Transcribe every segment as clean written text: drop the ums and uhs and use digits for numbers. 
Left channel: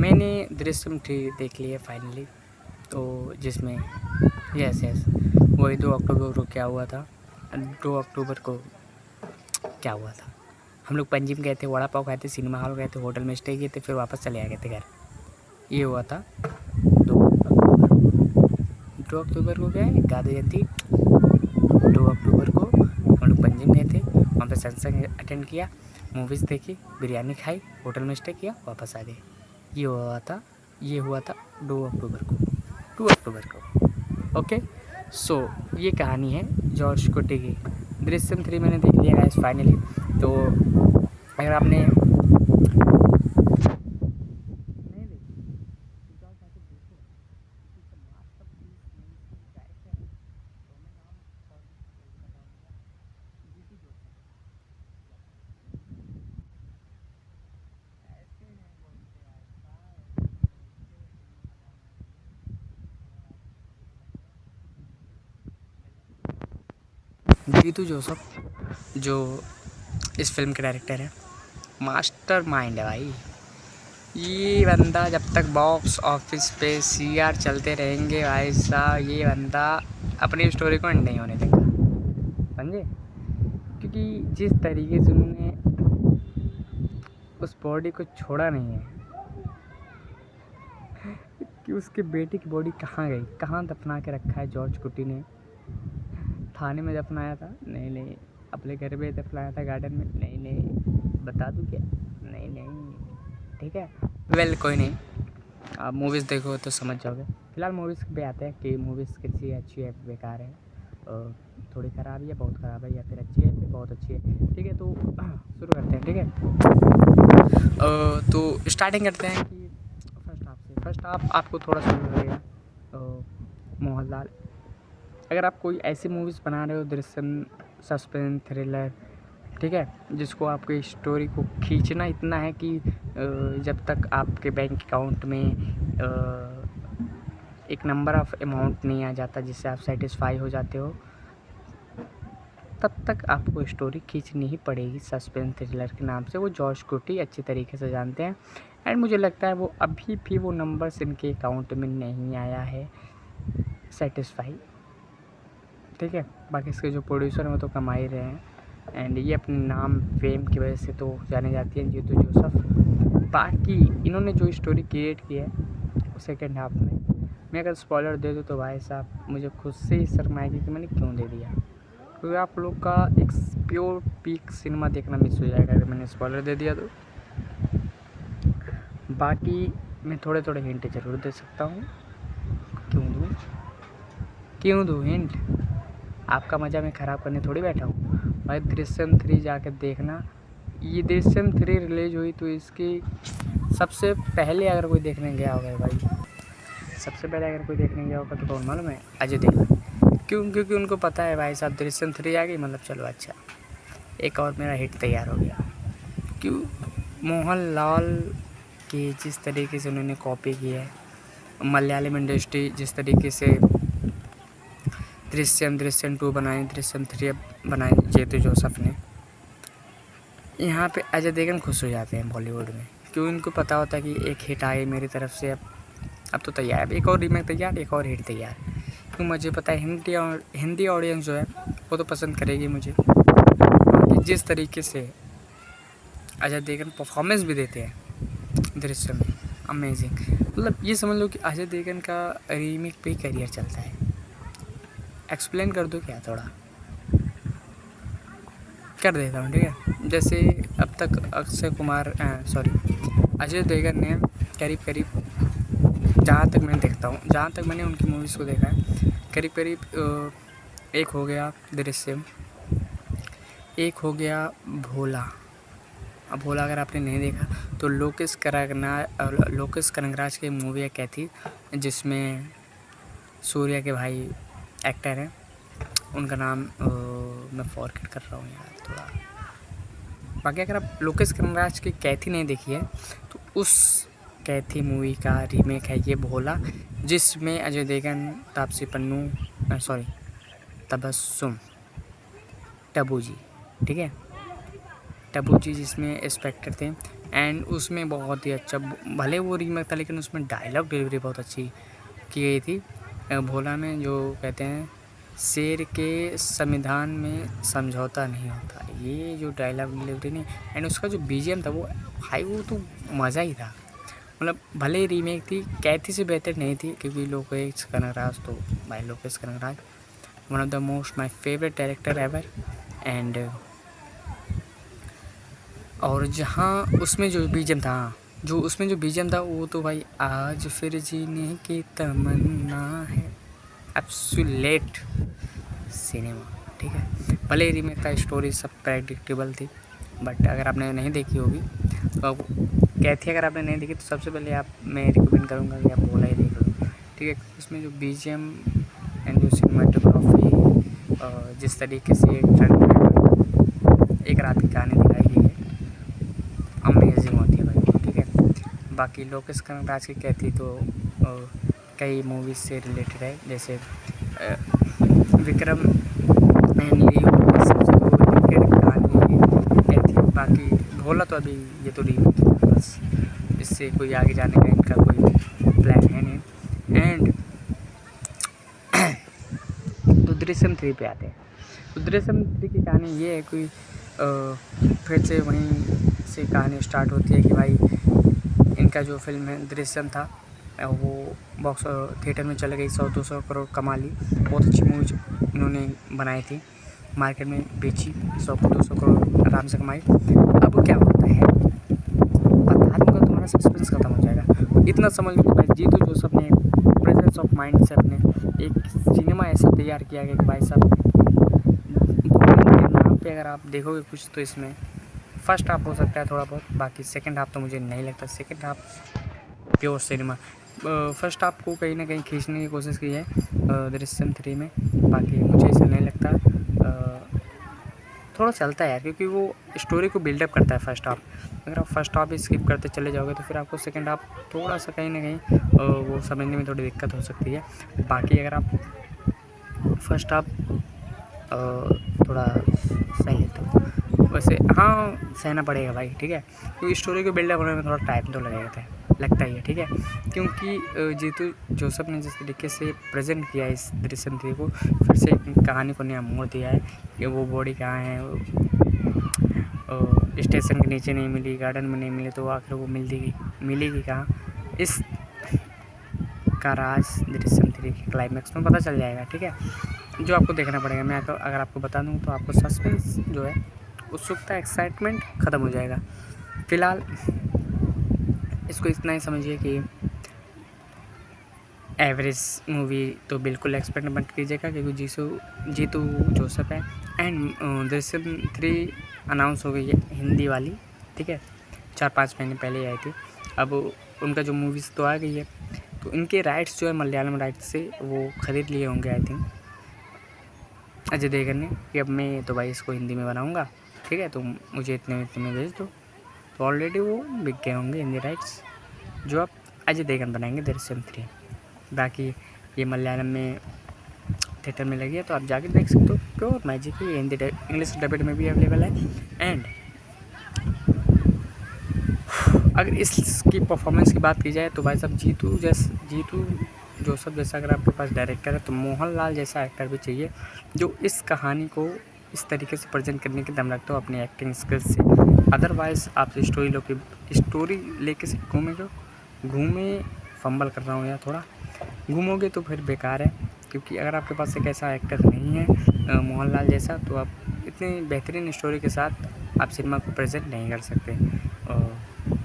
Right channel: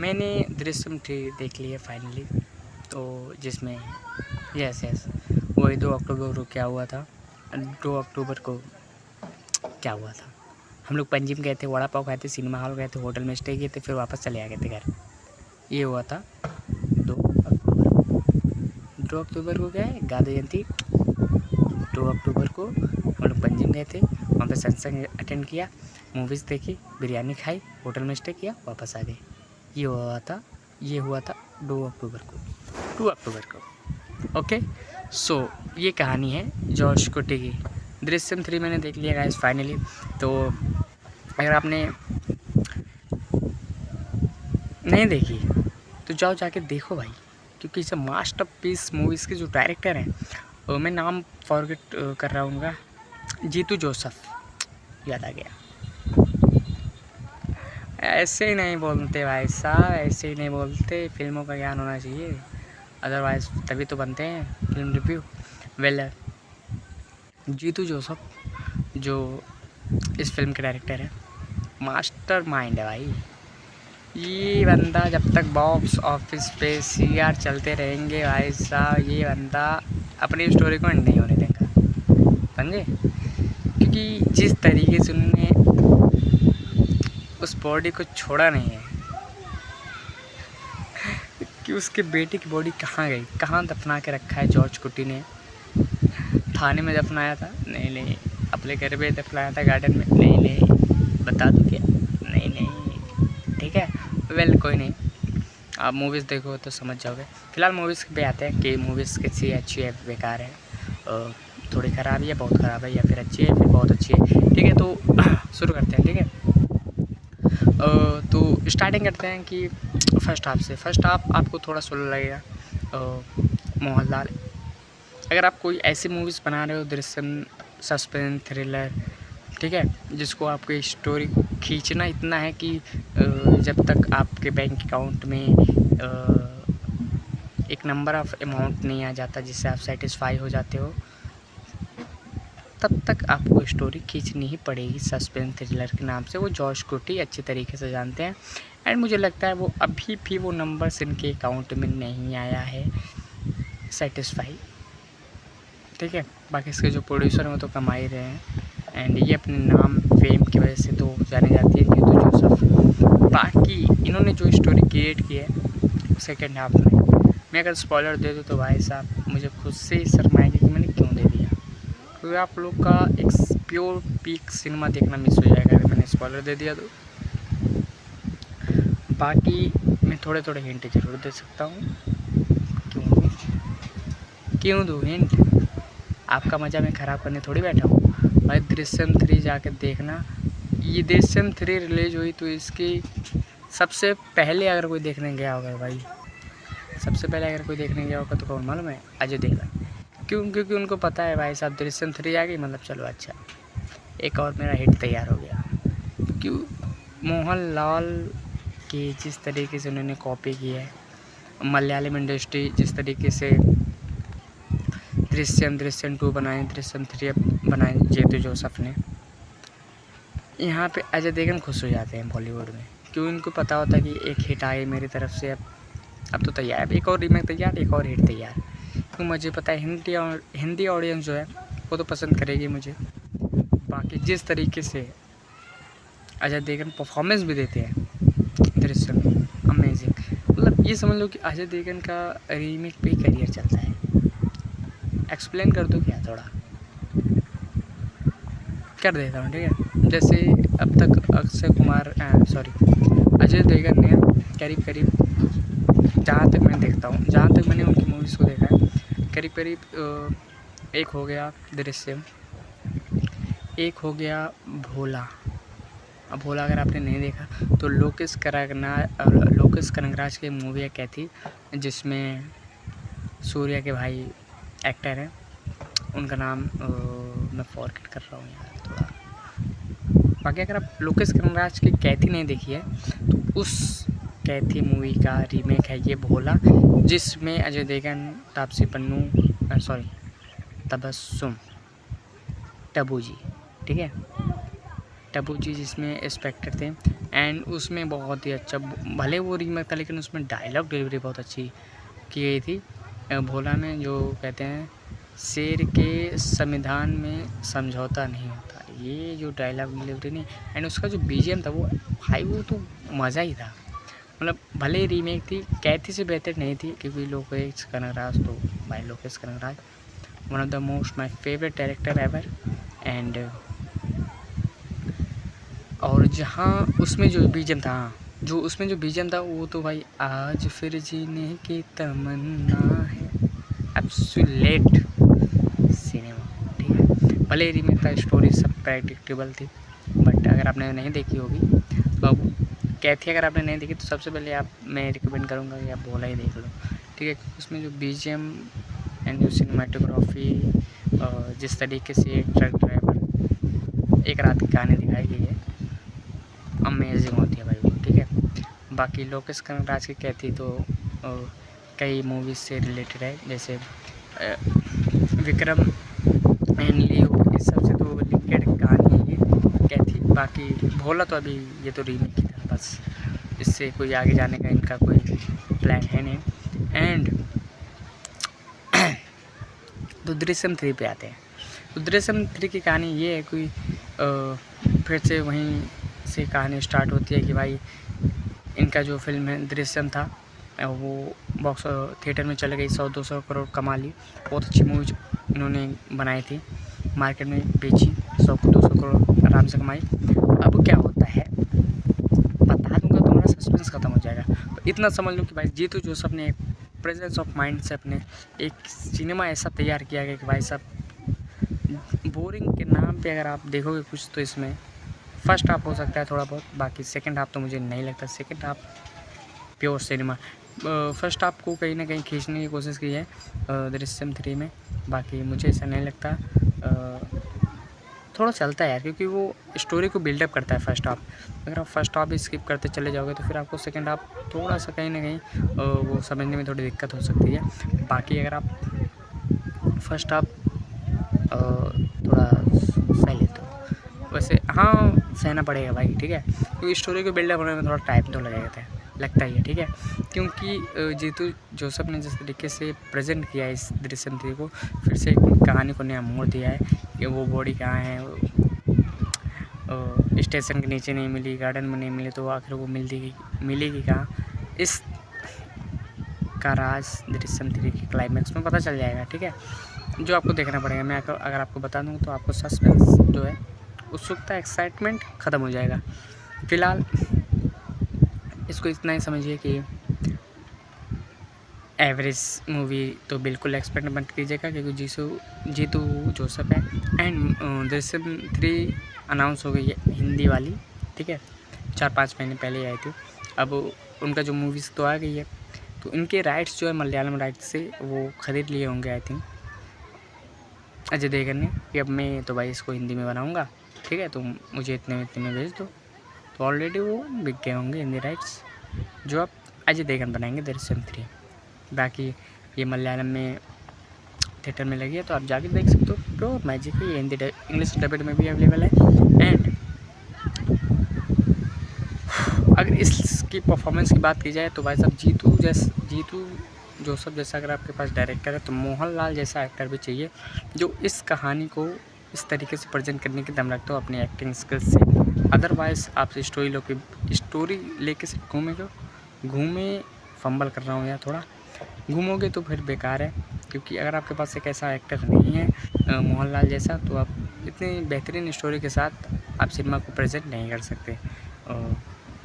मैंने दृश्यम 3 देख ली है फाइनली। तो जिसमें यस वही 2 अक्टूबर को क्या हुआ था, 2 अक्टूबर को क्या हुआ था, हम लोग पंजिम गए थे, वड़ा पाव खाए थे, सिनेमा हॉल गए थे, होटल में स्टे किए थे, फिर वापस चले आ गए थे घर। ये हुआ था 2 अक्टूबर को क्या है, गांधी जयंती। 2 अक्टूबर को हम लोग पंजिम गए थे, वहाँ पे सत्संग अटेंड किया, मूवीज़ देखी, बिरयानी खाई, होटल में स्टे किया, वापस आ गए। ये हुआ था 2 अक्टूबर को, 2 अक्टूबर को। ओके, सो ये कहानी है जॉर्ज कुटी की। दृश्यम 3 मैंने देख लिया गाइस फाइनली। तो अगर आपने नहीं देखी तो जाओ जाके देखो भाई, क्योंकि इसे मास्टरपीस मूवीज़ के जो डायरेक्टर हैं, मैं नाम फॉरगेट कर रहा हूँ उनका, जीतू जोसेफ, याद आ गया। ऐसे ही नहीं बोलते भाई साहब, ऐसे ही नहीं बोलते, फिल्मों का ज्ञान होना चाहिए, अदरवाइज़ तभी तो बनते हैं film review. Well, Jeethu Joseph जो इस फिल्म के डायरेक्टर है, मास्टर माइंड है भाई। ये बंदा जब तक बॉक्स ऑफिस पे सीआर चलते रहेंगे भाई साहब, ये बंदा अपनी स्टोरी को एंड नहीं होने देगा, समझे। क्योंकि जिस तरीके से उन्होंने उस बॉडी को छोड़ा नहीं है कि उसके बेटे की बॉडी कहाँ गई, कहाँ दफना के रखा है जॉर्ज कुटी ने। थाने में दफनाया था, नहीं, अपने घर पे दफनाया था, गार्डन में, नहीं, बता दूँ क्या, नहीं, ठीक है। वेल कोई नहीं, आप मूवीज़ देखो तो समझ जाओगे। फिलहाल मूवीज़ पे आते हैं कि मूवीज़ कैसी अच्छी है, बेकार है, थोड़ी ख़राब है, बहुत ख़राब है, या फिर अच्छी है, फिर बहुत अच्छी है। ठीक है, तो शुरू करते हैं। ठीक है, तो स्टार्टिंग करते हैं कि फर्स्ट हाफ से। फर्स्ट हाफ आपको थोड़ा स्लो लगेगा। मोहनलाल, अगर आप कोई ऐसी मूवीज़ बना रहे हो, दृश्यम, सस्पेंस, थ्रिलर, ठीक है, जिसको आपकी स्टोरी को खींचना इतना है कि जब तक आपके बैंक अकाउंट में एक नंबर ऑफ़ अमाउंट नहीं आ जाता जिससे आप सेटिस्फाई हो जाते हो, तब तक आपको स्टोरी खींचनी ही पड़ेगी सस्पेंस थ्रिलर के नाम से। वो जॉर्ज कुटी अच्छी तरीके से जानते हैं, एंड मुझे लगता है वो अभी भी वो नंबर्स इनके अकाउंट में नहीं आया है सेटिस्फाई। ठीक है, बाकी इसके जो प्रोड्यूसर हैं वो तो कमा ही रहे हैं, एंड ये अपने नाम फेम की वजह से तो जानी जाती है जीतू जोसेफ। बाकी इन्होंने जो स्टोरी क्रिएट की है सेकेंड हाफ में, मैं अगर स्पॉइलर दे दूँ तो भाई साहब मुझे खुद से ही शर्म आएगी कि मैंने क्यों दे दिया, क्योंकि आप लोग का एक प्योर पीक सिनेमा देखना मिस हो जाएगा अगर मैंने स्पॉइलर दे दिया तो। बाकी मैं थोड़े थोड़े हिंट ज़रूर दे सकता हूँ। क्यों दूँ हिंट? आपका मज़ा मैं ख़राब करने थोड़ी बैठा हूँ भाई। दृश्यम 3 जाकर देखना। ये दृश्यम 3 रिलीज हुई तो इसकी सबसे पहले अगर कोई देखने गया होगा भाई, सबसे पहले अगर कोई देखने गया होगा तो कौन मालूम है? अजय देवगन। क्योंकि उनको पता है भाई साहब दृश्यम 3 आ गई, मतलब चलो अच्छा, एक और मेरा हिट तैयार हो गया। क्यों? मोहनलाल की जिस तरीके से उन्होंने कॉपी की है, मलयालम इंडस्ट्री जिस तरीके से दृश्यम 2 बनाई, दृश्यम 3 बनाई जीतू जोसेफ ने, यहाँ पे अजय देवगन खुश हो जाते हैं बॉलीवुड में। क्यों? इनको पता होता है कि एक हिट आई मेरी तरफ से, अब तो तैयार, एक और रीमेक तैयार, एक और हिट तैयार। क्यों? मुझे पता है हिंदी ऑडियंस जो है वो तो पसंद करेगी मुझे। बाकी जिस तरीके से अजय देवगन परफॉर्मेंस भी देते हैं दृश्यम में, अमेजिंग। मतलब ये समझ लो कि अजय देवगन का रीमेक पे ही करियर चलता है। एक्सप्लेन कर दो क्या? थोड़ा कर देता हूँ, ठीक है। जैसे अब तक अजय देवगन ने करीब जहाँ तक मैं देखता हूँ, जहाँ तक मैंने उनकी मूवीज़ को देखा है, करीब एक हो गया दृश्यम, एक हो गया भोला। अब भोला अगर आपने नहीं देखा तो लोकेश कनगराज की मूवी है कैथी, जिसमें सूर्या के भाई एक्टर हैं, उनका नाम मैं फॉरगेट कर रहा हूँ यार थोड़ा। बाकी अगर आप लोकेश कनगराज की कैथी नहीं देखी है तो उस कैथी मूवी का रीमेक है ये भोला, जिसमें अजय देवगन, तापसी पन्नू, तबस्सुम, टबू जी, ठीक है, टबू जी जिसमें इंस्पेक्टर थे, एंड उसमें बहुत ही अच्छा, भले वो रीमेक था लेकिन उसमें डायलॉग डिलीवरी बहुत अच्छी की गई थी। भोला में जो कहते हैं, शेर के संविधान में समझौता नहीं होता, ये जो डायलॉग डिलीवरी नहीं, एंड उसका जो बीजीएम था वो भाई वो तो मज़ा ही था। मतलब भले ही रीमेक थी, कैथी से बेहतर नहीं थी, क्योंकि लोकेश कनगराज तो भाई Lokesh Kanagaraj one of the most my favourite director ever. And और जहाँ उसमें जो बीजीएम था, हाँ, जो उसमें जो बीजीएम था वो तो भाई आज फिर जीने की तमन्ना है, एब्सोल्यूट सिनेमा। ठीक है, भले ही रीमेक था, स्टोरी सब प्रेडिक्टेबल थी, बट अगर आपने नहीं देखी होगी तो अब कैथी अगर आपने नहीं देखी तो सबसे पहले मैं रिकमेंड करूँगा कि आप भोला ही देख लो। ठीक है, क्योंकि उसमें जो बीजीएम एंड जो सिनेमाटोग्राफी, जिस तरीके से एक ट्रक ड्राइवर एक रात की कहानी दिखाई गई है, अमेजिंग होती है भाई वो। ठीक है, बाकी लोकेश कनगराज की कैथी तो कई मूवीज़ से रिलेटेड है, जैसे विक्रम एंड लियो, सबसे तो रिलेटेड कहानी है ये कैथी। बाकी भोला तो अभी ये तो रीमेक ही था बस, इससे कोई आगे जाने का इनका कोई प्लान है नहीं। एंड तो दृश्यम 3 पे आते हैं। तो दृश्यम 3 की कहानी ये है, कोई फिर से वहीं से कहानी स्टार्ट होती है कि भाई इनका जो फिल्म है दृश्यम था वो बॉक्स थिएटर में चले गई, 100-200 करोड़ कमा ली। बहुत अच्छी मूवी इन्होंने बनाई थी, मार्केट में बेची, 100-200 करोड़ आराम से कमाई। अब क्या होता है बता दूंगा, तुम्हारा सस्पेंस खत्म हो जाएगा। इतना समझ लो कि भाई जीतू जोसेफ ने प्रेजेंस ऑफ माइंड से अपने एक सिनेमा ऐसा तैयार किया गया कि भाई साहब बॉलिंग के नाम पे अगर आप देखोगे कुछ तो इसमें फर्स्ट हाफ हो सकता है थोड़ा बहुत, बाकी सेकंड हाफ तो मुझे नहीं लगता। Second half pure cinema, first half को कहीं ना कहीं खींचने की कोशिश की है दृश्यम 3 में, बाकी मुझे ऐसा नहीं लगता। थोड़ा चलता है यार, क्योंकि वो स्टोरी को बिल्डअप करता है फर्स्ट हाफ। अगर आप फर्स्ट हाफ भी स्किप करते चले जाओगे तो फिर आपको सेकंड हाफ थोड़ा सा कहीं ना कहीं वो समझने में थोड़ी दिक्कत हो सकती है। बाकी अगर आप फर्स्ट हाफ थोड़ा सही है तो वैसे हाँ सहना पड़ेगा भाई। ठीक है, क्योंकि स्टोरी को बिल्डअप होने में थोड़ा टाइम तो लगता ही है। ठीक है, क्योंकि जीतू जोसेफ ने जिस तरीके से प्रेजेंट किया है इस दृश्यम 3 को, फिर से कहानी को नया मोड़ दिया है कि वो बॉडी कहाँ है, स्टेशन के नीचे नहीं मिली, गार्डन में नहीं मिली, तो आखिर वो मिलेगी कहाँ, इस का राज दृश्यम 3 के क्लाइमैक्स में पता चल जाएगा। ठीक है, जो आपको देखना पड़ेगा। मैं अगर आपको बता दूँ तो आपको सस्पेंस जो है, उत्सुकता, एक्साइटमेंट ख़त्म हो जाएगा। फ़िलहाल इसको इतना ही समझिए कि एवरेज मूवी तो बिल्कुल एक्सपेक्ट मत कीजिएगा, क्योंकि जीतू जोसेफ है। एंड दृश्यम 3 अनाउंस हो गई है हिंदी वाली। ठीक है, 4-5 महीने पहले आई थी। अब उनका जो मूवीज़ तो आ गई है, तो इनके राइट्स जो है मलयालम राइट्स से वो ख़रीद लिए होंगे आई थिंक अजय देवगन ने, कि अब मैं तो भाई इसको हिंदी में बनाऊंगा। ठीक है, तो मुझे इतने में भेज दो, तो ऑलरेडी वो बिक गए होंगे हिंदी राइट्स, जो अब अजय देवगन बनाएंगे दृश्यम 3। बाकी ये मलयालम में थिएटर में लगी है, तो आप जाके देख सकते हो, प्योर मैजिक है। हिंदी इंग्लिश डबेड में भी अवेलेबल है। एंड अगर इसकी परफॉर्मेंस की बात की जाए तो भाई साहब जीतू जोसेफ जैसा अगर आपके पास डायरेक्टर है, तो मोहनलाल जैसा एक्टर भी चाहिए, जो इस कहानी को इस तरीके से प्रेजेंट करने की दम रखता हो अपनी एक्टिंग स्किल्स से। अदरवाइज़ आप स्टोरी लेके से घूमे फंबल कर रहा हूँ या थोड़ा घूमोगे तो फिर बेकार है, क्योंकि अगर आपके पास एक ऐसा एक्टर नहीं है मोहनलाल जैसा, तो आप इतनी बेहतरीन स्टोरी के साथ आप सिनेमा को प्रेजेंट नहीं कर सकते।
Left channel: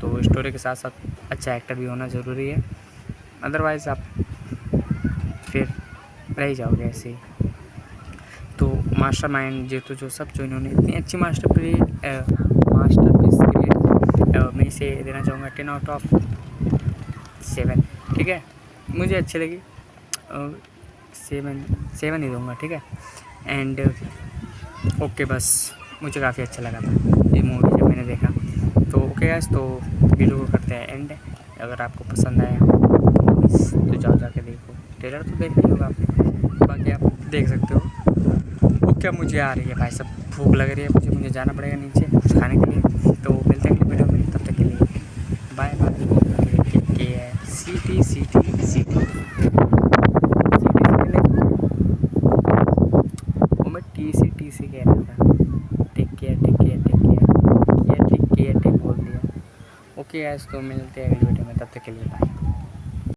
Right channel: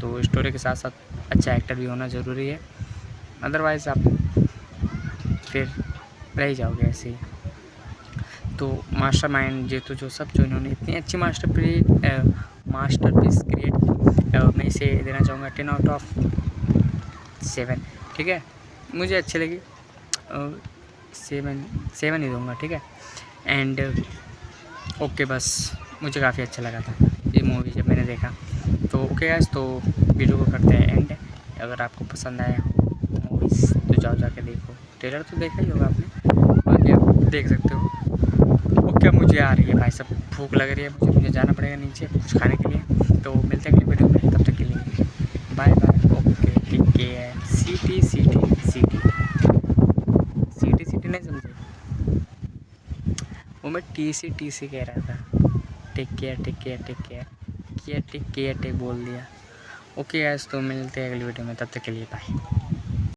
तो स्टोरी के साथ साथ अच्छा एक्टर भी होना ज़रूरी है, अदरवाइज़ आप फिर रह जाओगे ऐसे ही। तो मास्टरमाइंड जीतू जोसेफ, जो इन्होंने इतनी अच्छी मास्टरपीस क्रिएट, मैं इसे देना चाहूँगा 10/7। ठीक है, मुझे अच्छी लगी, 7 ही दूँगा। ठीक है, एंड ओके, बस मुझे काफ़ी अच्छा लगा था ये मूवी जब मैंने देखा। तो ओके गाइस, तो वीडियो को करते हैं एंड। अगर आपको पसंद आया मूवीज़ तो जाके देखो, ट्रेलर तो देखा ही होगा आपने, बाकी आप देख सकते हो। ओके, मुझे आ रही है भाई साहब, भूख लग रही है, मुझे जाना पड़ेगा नीचे कुछ खाने के लिए। तो मिलते हैं अगली वीडियो में, तब तक के लिए bye bye, okay take care. City city city city city नहीं समझे, वो मैं टी सी कह रहा था। Take care take care take care, take care take बोल दिया। ओके गाइस, तो मिलते हैं अगली वीडियो में, तब तक के लिए बाय।